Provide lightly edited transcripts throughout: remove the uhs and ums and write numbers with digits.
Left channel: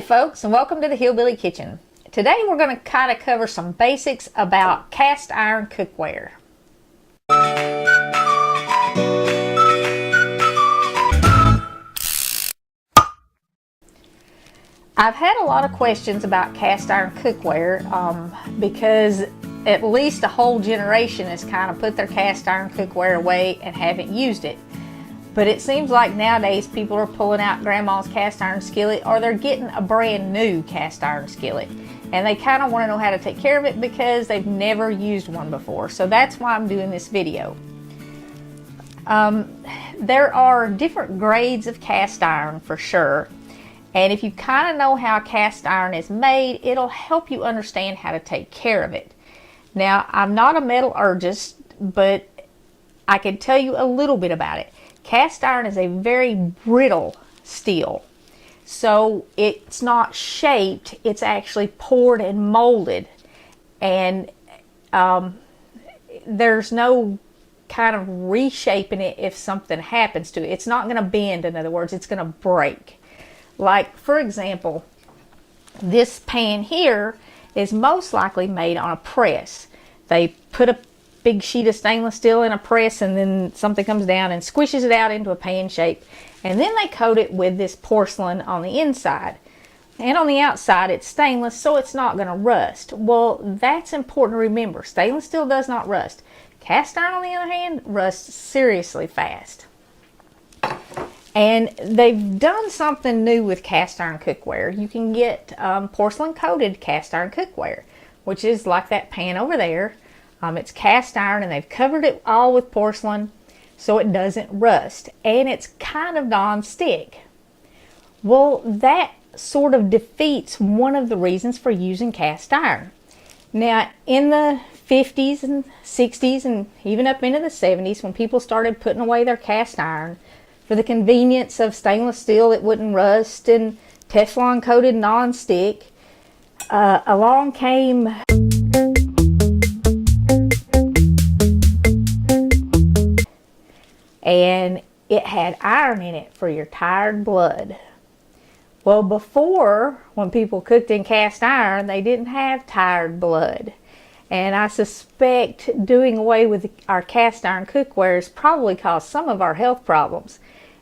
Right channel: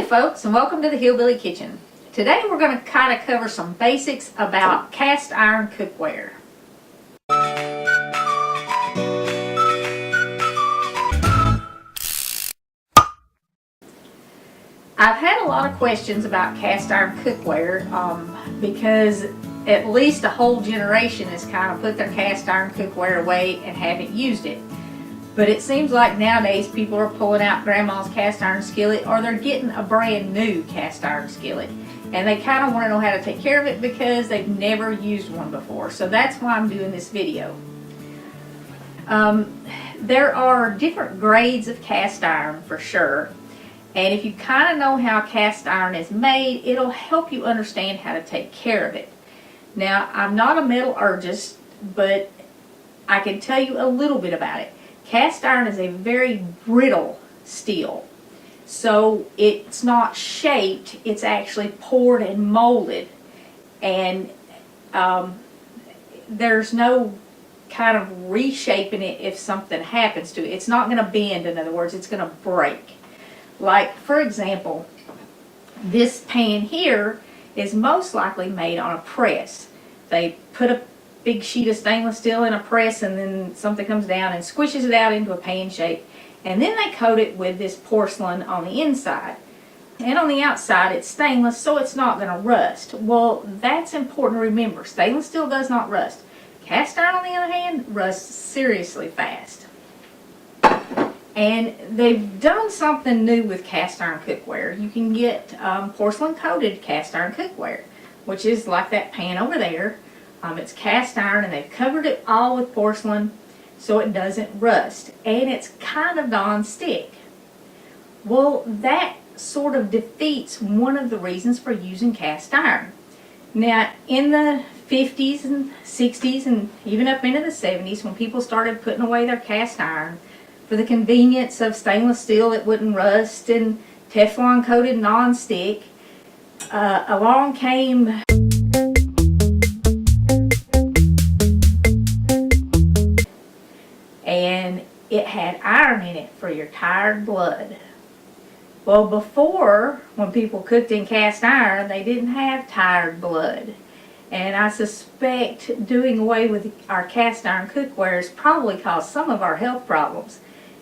Howdy folks, and welcome to the Hillbilly Kitchen. Today we're going to kind of cover some basics about cast iron cookware. I've had a lot of questions about cast iron cookware because at least a whole generation has kind of put their cast iron cookware away and haven't used it. But it seems like nowadays people are pulling out grandma's cast iron skillet, or they're getting a brand new cast iron skillet, and they kind of want to know how to take care of it because they've never used one before. So that's why I'm doing this video. There are different grades of cast iron for sure, and if you kind of know how cast iron is made, it'll help you understand how to take care of it. Now, I'm not a metallurgist, but I can tell you a little bit about it. Cast iron is a very brittle steel, so it's not shaped, it's actually poured and molded, and there's no kind of reshaping it if something happens to it. It's not going to bend, in other words, it's going to break. Like, for example, this pan here is most likely made on a press. They put a big sheet of stainless steel in a press, and then something comes down and squishes it out into a pan shape, and then they coat it with this porcelain on the inside, and on the outside it's stainless, so it's not going to rust. Well, that's important to remember. Stainless steel does not rust. Cast iron, on the other hand, rusts seriously fast. And they've done something new with cast iron cookware. You can get porcelain coated cast iron cookware, which is like that pan over there. It's cast iron, and they've covered it all with porcelain so it doesn't rust, and it's kind of non-stick. Well, that sort of defeats one of the reasons for using cast iron. Now, in the 50s and 60s and even up into the 70s, when people started putting away their cast iron for the convenience of stainless steel that wouldn't rust and Teflon coated non-stick, along came and it had iron in it for your tired blood. Well, before, when people cooked in cast iron, they didn't have tired blood. And I suspect doing away with our cast iron cookware has probably caused some of our health problems.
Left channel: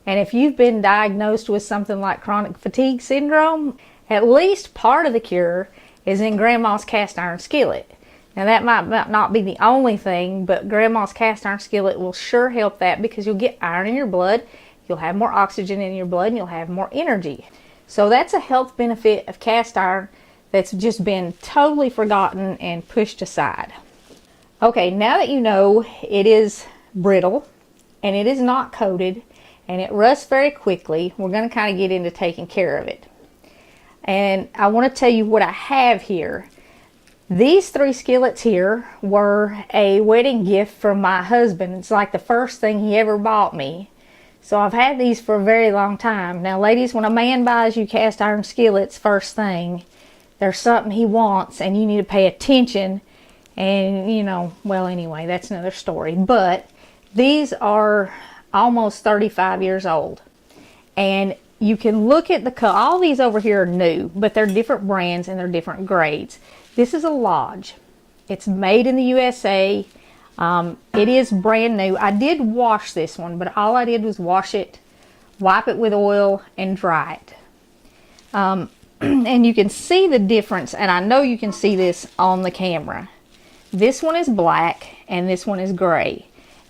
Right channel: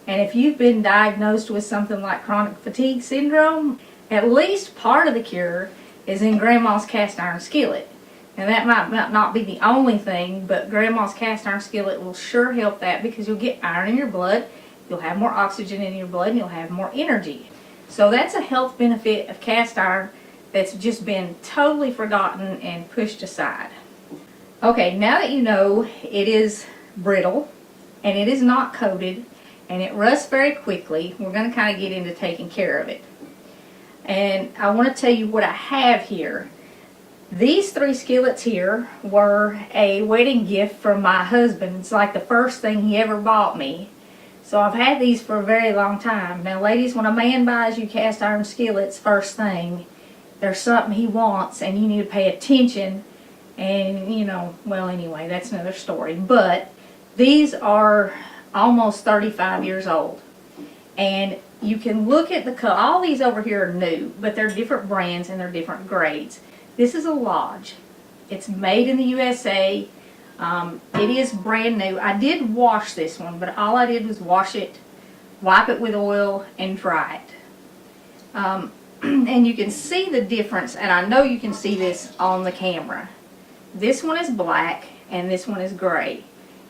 And if you've been diagnosed with something like chronic fatigue syndrome, at least part of the cure is in Grandma's cast iron skillet. Now, that might not be the only thing, but Grandma's cast iron skillet will sure help that, because you'll get iron in your blood, you'll have more oxygen in your blood, and you'll have more energy. So that's a health benefit of cast iron that's just been totally forgotten and pushed aside. Okay, now that you know it is brittle, and it is not coated, and it rusts very quickly, we're going to kind of get into taking care of it. And I want to tell you what I have here. These three skillets here were a wedding gift from my husband. It's like the first thing he ever bought me. So I've had these for a very long time. Now, ladies, when a man buys you cast iron skillets first thing, there's something he wants, and you need to pay attention. And, you know, well, anyway, that's another story. But these are almost 35 years old. And you can look at the color. All these over here are new, but they're different brands and they're different grades. This is a Lodge. It's made in the USA. It is brand new. I did wash this one, but all I did was wash it, wipe it with oil, and dry it. And you can see the difference, and I know you can see this on the camera. This one is black, and this one is gray.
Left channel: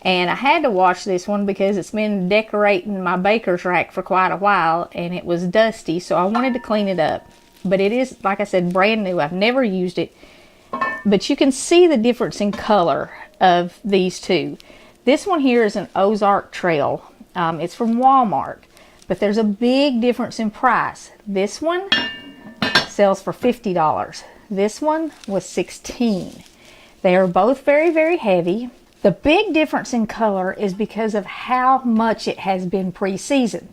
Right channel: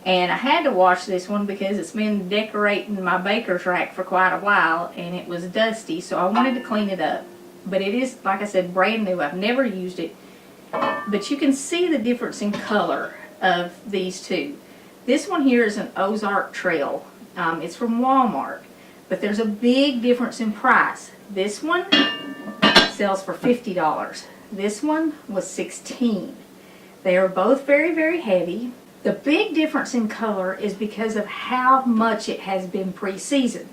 And I had to wash this one because it's been decorating my baker's rack for quite a while, and it was dusty, so I wanted to clean it up. But it is, like I said, brand new. I've never used it. But you can see the difference in color of these two. This one here is an Ozark Trail. It's from Walmart. But there's a big difference in price. This one sells for $50. This one was $16. They are both very, very heavy. The big difference in color is because of how much it has been pre-seasoned.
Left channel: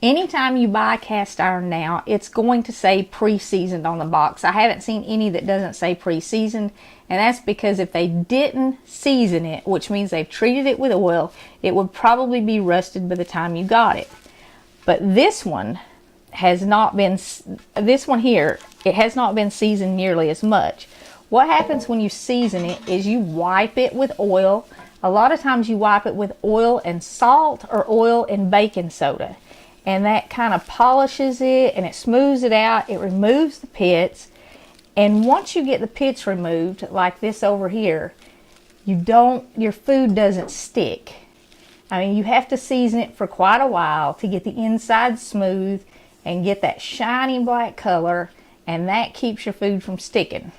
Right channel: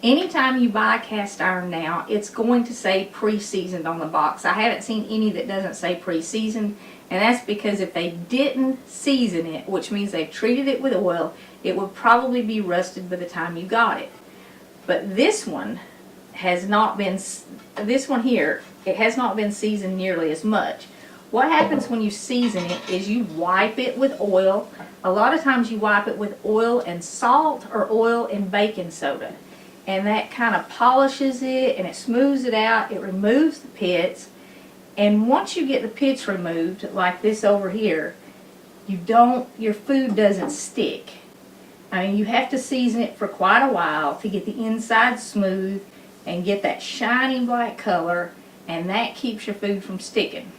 Anytime you buy cast iron now, it's going to say pre-seasoned on the box. I haven't seen any that doesn't say pre-seasoned, and that's because if they didn't season it, which means they've treated it with oil, it would probably be rusted by the time you got it. But this one has not been, this one here, it has not been seasoned nearly as much. What happens when you season it is you wipe it with oil. A lot of times you wipe it with oil and salt or oil and baking soda. And that kind of polishes it and it smooths it out. It removes the pits. And once you get the pits removed, like this over here, your food doesn't stick. I mean, you have to season it for quite a while to get the inside smooth and get that shiny black color, and that keeps your food from sticking.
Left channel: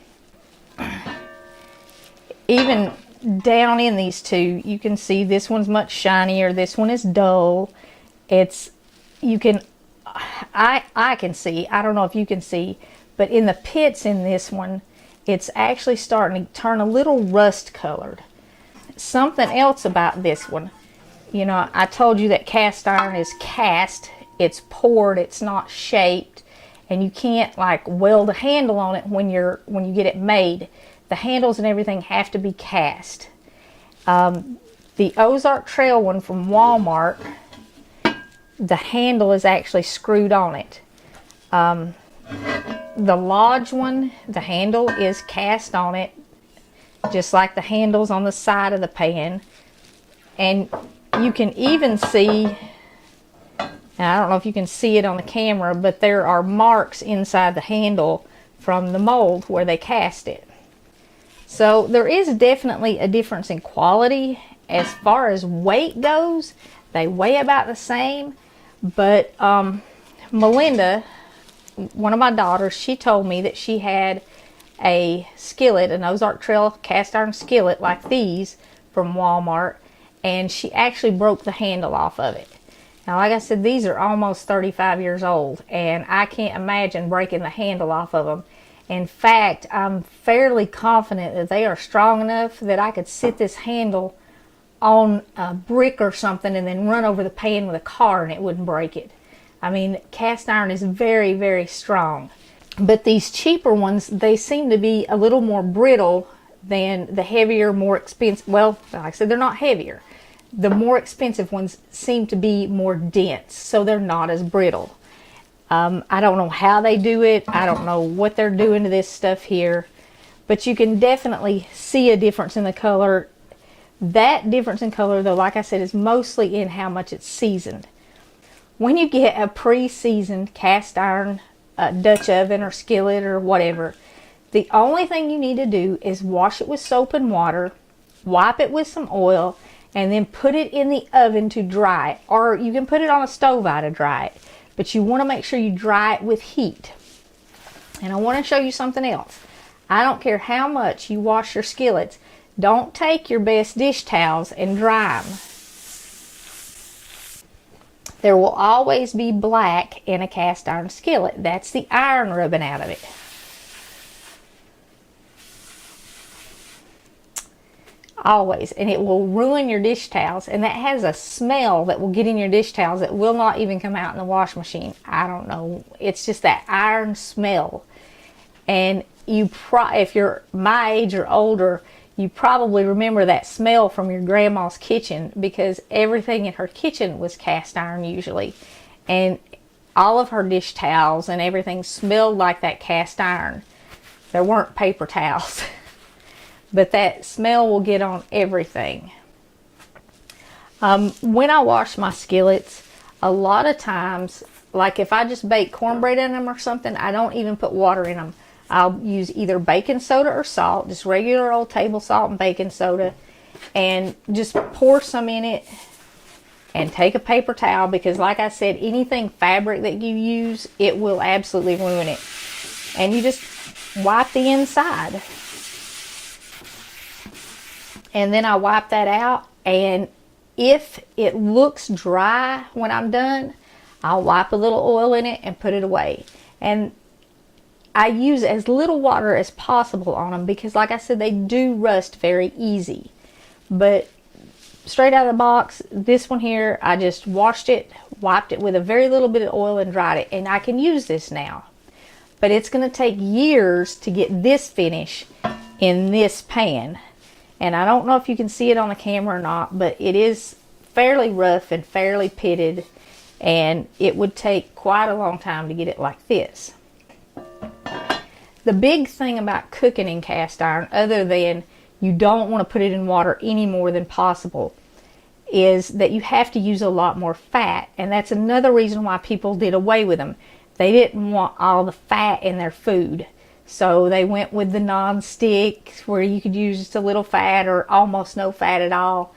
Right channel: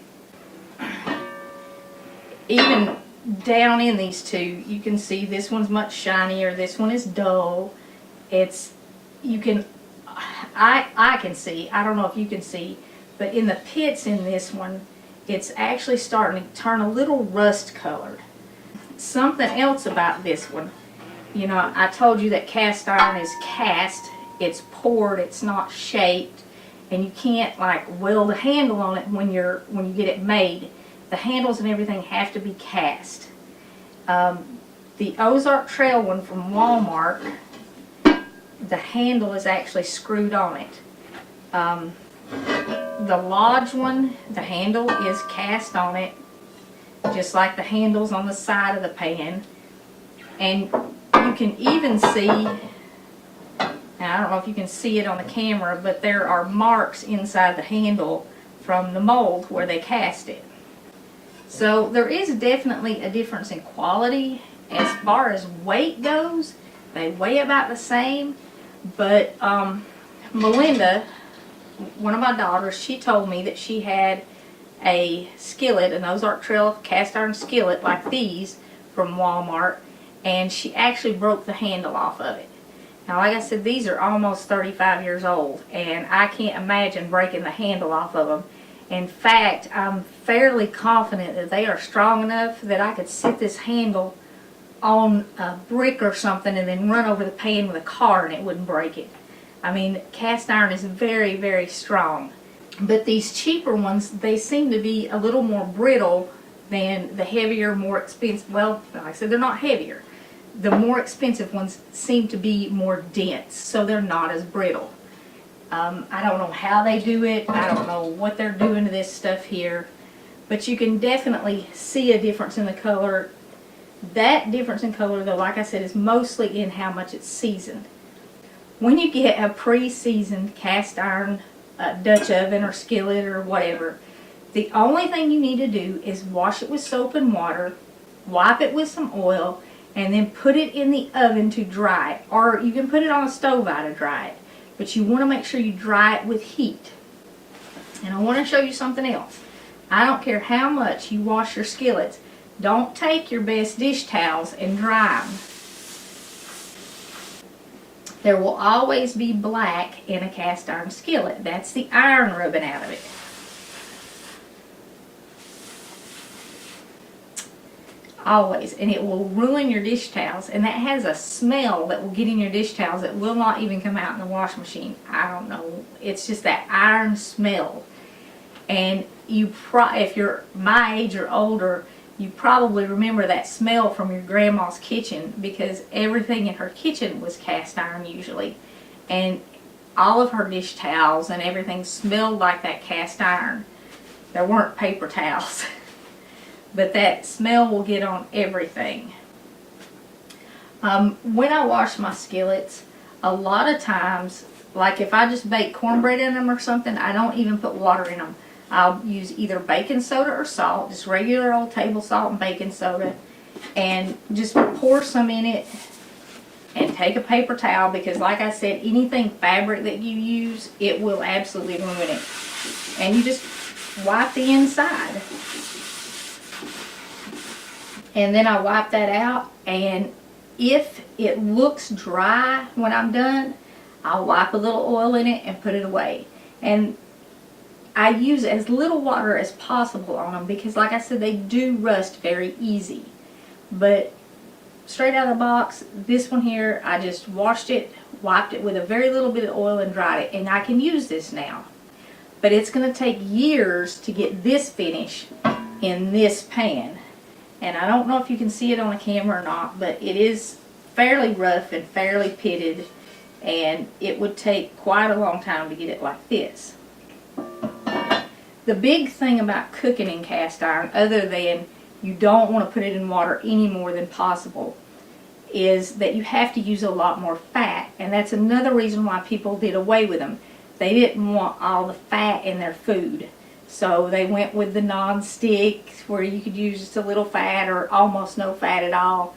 Even down in these two, you can see this one's much shinier, this one is dull. I can see, I don't know if you can see, but in the pits in this one, it's actually starting to turn a little rust colored. Something else about this one, you know, I told you that cast iron is cast, it's poured, it's not shaped, and you can't like weld a handle on it when you get it made. The handles and everything have to be cast. The Ozark Trail one from Walmart, the handle is actually screwed on it. The Lodge one, the handle is cast on it, just like the handles on the side of the pan. And you can even see, now I don't know if you can see it on the camera, but there are marks inside the handle from the mold where they cast it. So there is definitely a difference in quality. As far as weight goes, they weigh about the same, but Melinda, one of my daughters, she told me that she had a skillet, an Ozark Trail cast iron skillet like these from Walmart, and she actually broke the handle off of it. Now, like I said, these are almost 35 years old, and I can't imagine breaking the handle off of them. In fact, I'm fairly confident that they are strong enough that I could sit this handle on a brick or something and then run over the pan with a car and it wouldn't break it. I mean, cast iron is very, very strong. But these cheaper ones, they seem to be a little more brittle than the heavier, more expensive. Well, like I said, they're not heavier. The more expensive ones seem to be more dense, so they're not as brittle. I don't know how they do it. I don't know what they're doing to this stuff here. But you can definitely see a difference in the color. That difference in color, though, like I said, is mostly in how much it's seasoned. When you get a pre-seasoned cast iron Dutch oven or skillet or whatever, the only thing you need to do is wash it with soap and water, wipe it with some oil, and then put it in the oven to dry it. Or you can put it on a stove eye to dry it. But you want to make sure you dry it with heat. And I want to show you something else. I don't care how much you wash your skillets. Don't take your best dish towels and dry them. There will always be black in a cast iron skillet. That's the iron rubbing out of it. Always. And it will ruin your dish towels. And that has a smell that will get in your dish towels that will not even come out in the wash machine. I don't know. It's just that iron smell. And if you're my age or older, you probably remember that smell from your grandma's kitchen, because everything in her kitchen was cast iron usually. And all of her dish towels and everything smelled like that cast iron. There weren't paper towels. But that smell will get on everything. When I wash my skillets, a lot of times, like if I just bake cornbread in them or something, I don't even put water in them. I'll use either baking soda or salt, just regular old table salt and baking soda, and just pour some in it and take a paper towel, because like I said, anything fabric that you use, it will absolutely ruin it. And you just wipe the inside. And then I wipe that out, and if it looks dry when I'm done, I'll wipe a little oil in it and put it away. And I use as little water as possible on them, because like I said, they do rust very easy. But straight out of the box, this one here, I just washed it, wiped it with a very little bit of oil and dried it, and I can use this now. But it's going to take years to get this finish in this pan. And I don't know if you can see it on the camera or not, but it is fairly rough and fairly pitted. and it would take quite a long time to get it like this. The big thing about cooking in cast iron, other than you don't want to put it in water any more than possible, is that you have to use a lot more fat, and that's another reason why people did away with them. They didn't want all the fat in their food, so they went with the non-stick where you could use just a little fat or almost no fat at all.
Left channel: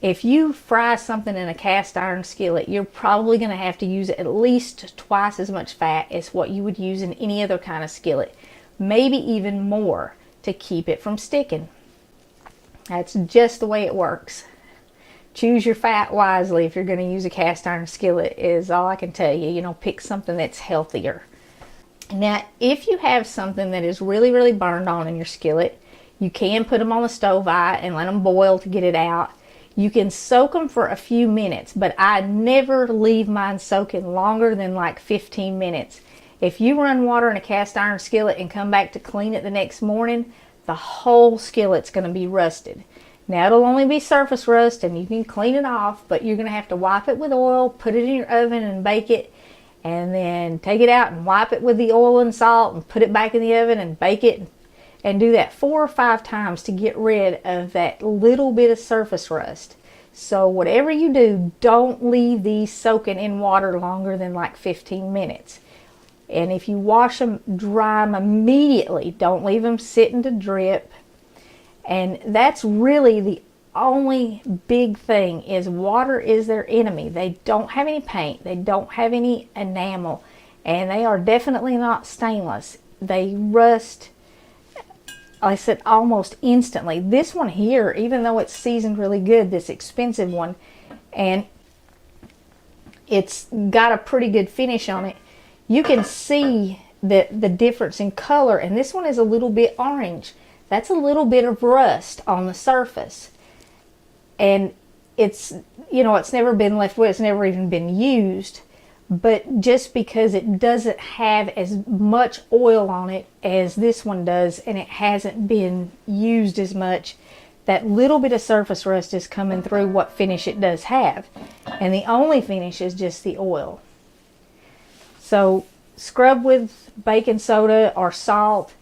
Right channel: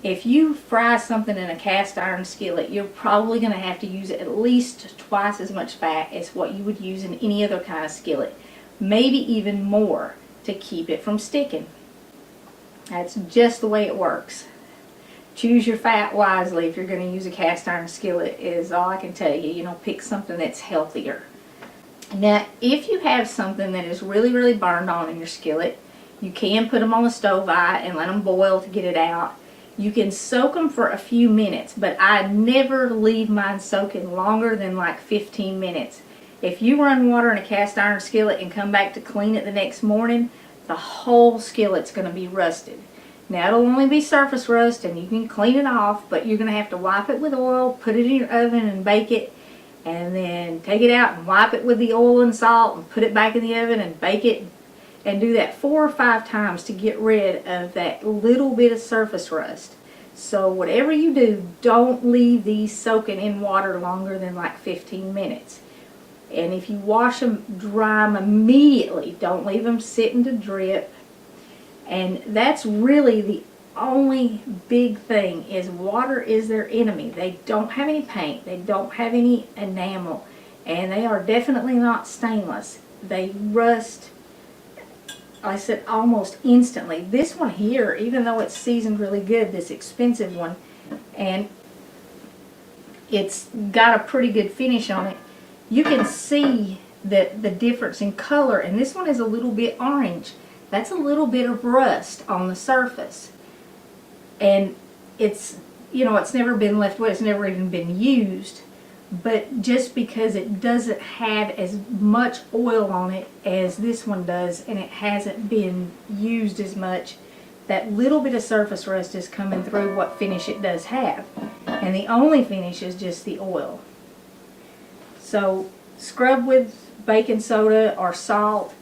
If you fry something in a cast iron skillet, you're probably going to have to use at least twice as much fat as what you would use in any other kind of skillet, maybe even more, to keep it from sticking. That's just the way it works. Choose your fat wisely if you're going to use a cast iron skillet, is all I can tell you. You know, pick something that's healthier. Now, if you have something that is really, really burned on in your skillet, you can put them on the stove eye and let them boil to get it out. You can soak them for a few minutes, but I never leave mine soaking longer than like 15 minutes. If you run water in a cast iron skillet and come back to clean it the next morning, the whole skillet's going to be rusted. Now, it'll only be surface rust and you can clean it off, but you're going to have to wipe it with oil, put it in your oven and bake it, and then take it out and wipe it with the oil and salt and put it back in the oven and bake it, and do that 4 or 5 times to get rid of that little bit of surface rust. So whatever you do, don't leave these soaking in water longer than like 15 minutes. And if you wash them, dry them immediately. Don't leave them sitting to drip. And that's really the only big thing, is water is their enemy. They don't have any paint. They don't have any enamel. And they are definitely not stainless. They rust, like I said, almost instantly. This one here, even though it's seasoned really good, this expensive one, and it's got a pretty good finish on it, you can see that the difference in color, and this one is a little bit orange. That's a little bit of rust on the surface. And it's, you know, it's never been left with, it's never even been used. But just because it doesn't have as much oil on it as this one does, and it hasn't been used as much, that little bit of surface rust is coming through what finish it does have. And the only finish is just the oil. So scrub with baking soda or salt.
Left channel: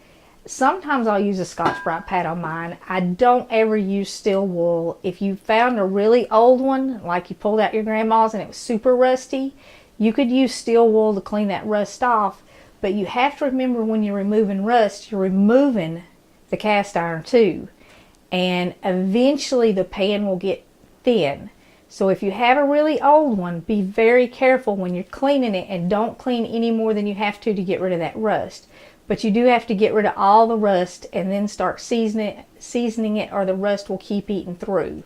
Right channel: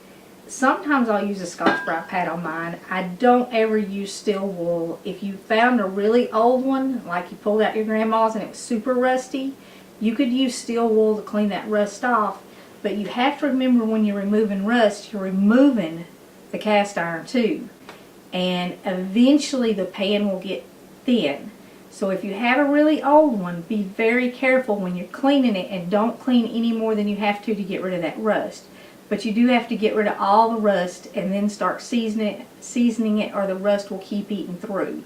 Sometimes I'll use a Scotch-Brite pad on mine. I don't ever use steel wool. If you found a really old one, like you pulled out your grandma's and it was super rusty, you could use steel wool to clean that rust off. But you have to remember, when you're removing rust, you're removing the cast iron too. And eventually the pan will get thin. So if you have a really old one, be very careful when you're cleaning it, and don't clean any more than you have to get rid of that rust. But you do have to get rid of all the rust and then start seasoning it, or the rust will keep eating through.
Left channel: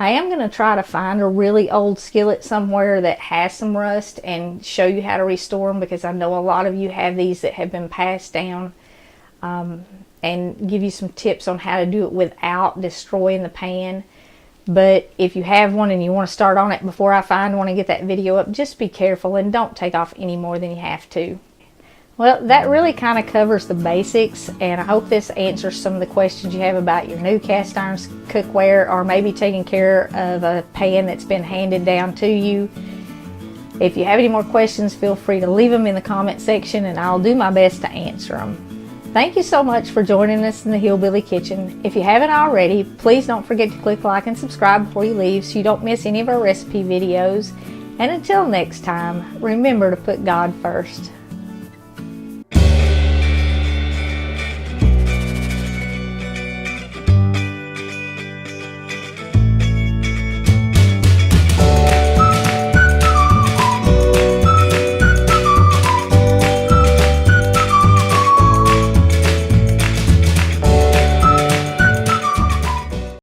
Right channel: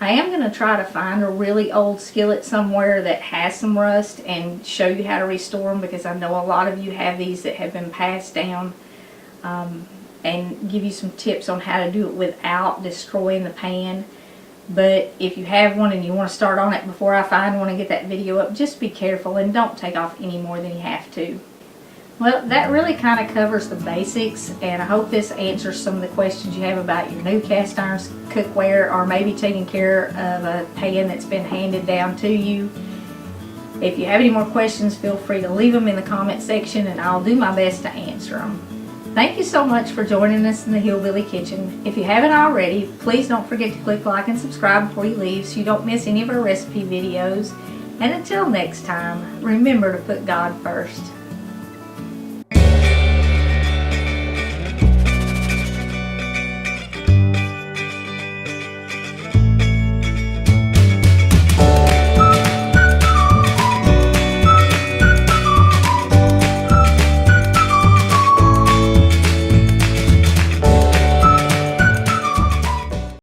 I am going to try to find a really old skillet somewhere that has some rust and show you how to restore them, because I know a lot of you have these that have been passed down, and give you some tips on how to do it without destroying the pan. But if you have one and you want to start on it before I find one and get that video up, just be careful and don't take off any more than you have to. Well, that really kind of covers the basics, and I hope this answers some of the questions you have about your new cast iron cookware, or maybe taking care of a pan that's been handed down to you. If you have any more questions, feel free to leave them in the comment section and I'll do my best to answer them. Thank you so much for joining us in the Hillbilly Kitchen. If you haven't already, please don't forget to click like and subscribe before you leave so you don't miss any of our recipe videos. And until next time, remember to put God first.